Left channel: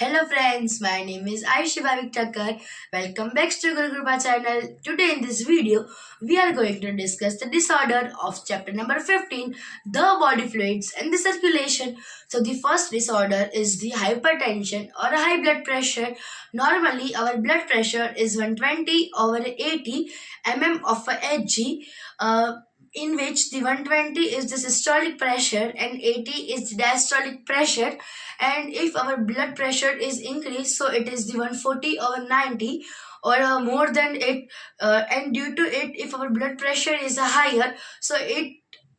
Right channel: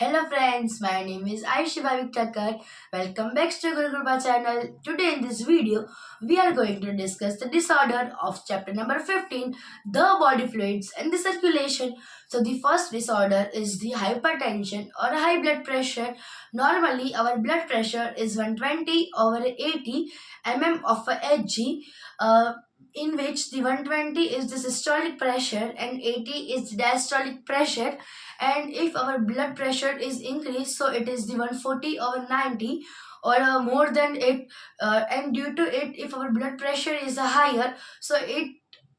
Hello friends, my name is Aishi Bhavik Thakkar. Welcome back to Guru Kripa channel. Today in this video, we are going to discuss the disorder of chapter number 15, the body fluids and the circulation. So the first disorder is the hypertension or high blood pressure. Normally, our blood pressure is 120 over 80 mm of a Hg. In which the 120 is the systolic pressure and 80 is diastolic pressure, and if our blood pressure is increased, so it is the 140 or 90 or more than it, and due to it, if our blood pressure is higher, so it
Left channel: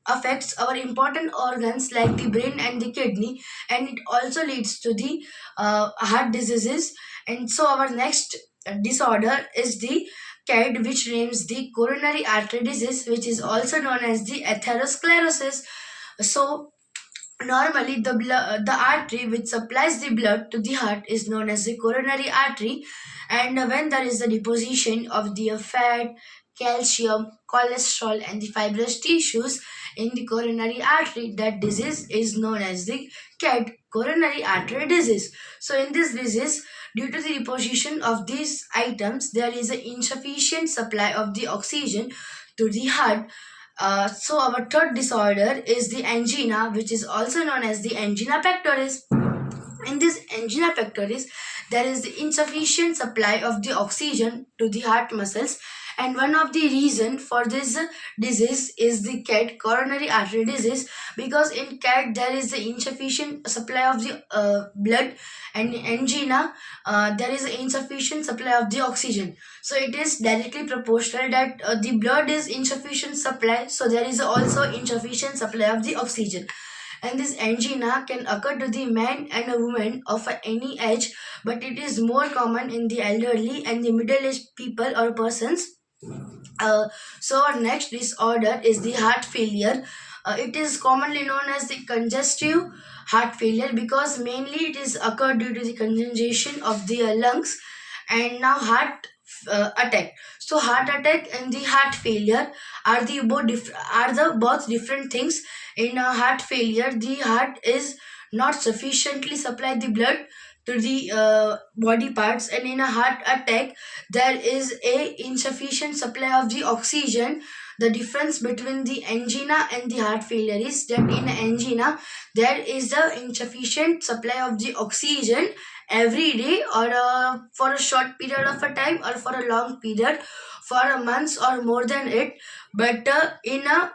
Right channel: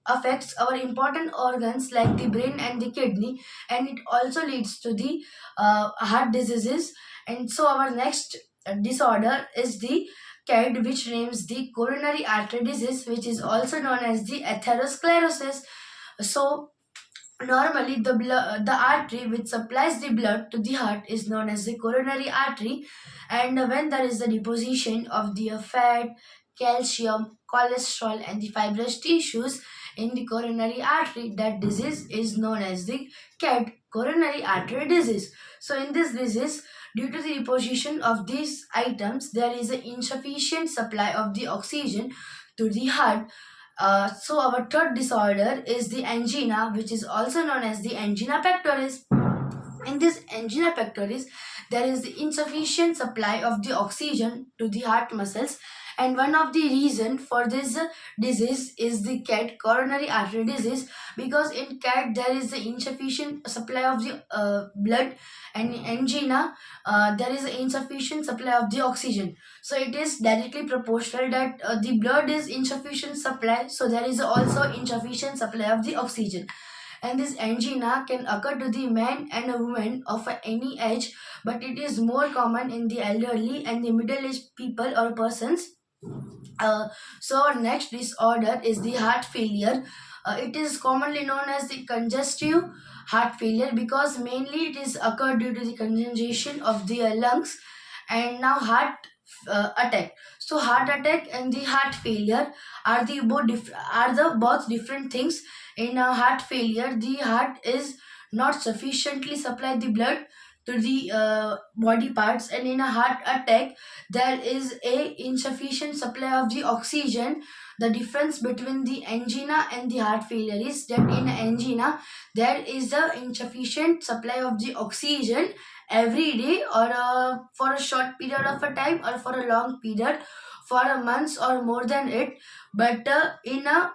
affects our important organs like the brain and the kidney, and it also leads to the heart diseases. And so our next disorder is the CAD, which names the coronary artery disease, which is also known as the atherosclerosis. So normally, the artery which supplies the blood to the heart is known as the coronary artery, and when there is the deposition of the fat, calcium, cholesterol, and the fibrous tissues in the coronary artery, that disease is known as the CAD, coronary artery disease. So, in this disease, due to the deposition of these items, there is an insufficient supply of the oxygen to the heart. So our third disorder is the angina, which is also known as the angina pectoris. In this angina pectoris, there is the insufficient supply of the oxygen to the heart muscles, and one of the reason for this disease is the CAD, coronary artery disease, because in CAD there is the insufficient supply of the blood, and in angina there is insufficient supply of the oxygen. So it is directly proportional that the blood is insufficient supply, so there is also insufficient supply of the oxygen. And this angina can occur to the man and a woman of any age, but it is more common in the elderly and the middle-aged people or persons. So our next disorder is the heart failure. It is commonly known as the congestive heart failure because mainly it is occurred due to the congestion of the lungs. And now heart attack. So heart attack and the heart failure are the both different things. In a heart failure, the heart is not sufficiently supply the blood to the body parts, and in a heart attack there is a insufficient supply of the oxygen. The difference between the angina and the heart failure is that in angina there is the insufficient supply of the oxygen every day, or for a short period of a time, or for a long period, for a month or more than it. But in a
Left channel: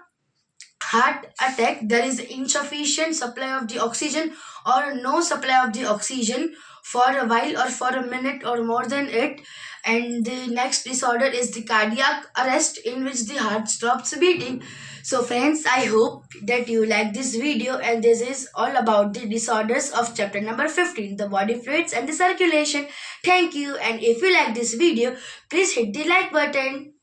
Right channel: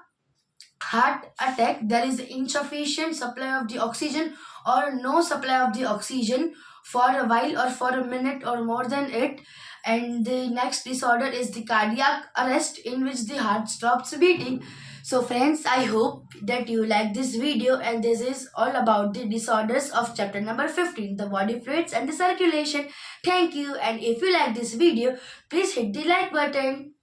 heart attack there is insufficient supply of the oxygen or no supply of the oxygen for a while or for a minute or more than it. And the next disorder is the cardiac arrest, in which the heart stops beating. So friends, I hope that you like this video, and this is all about the disorders of chapter number 15, the body fluids and the circulation. Thank you, and if you like this video, please hit the like button.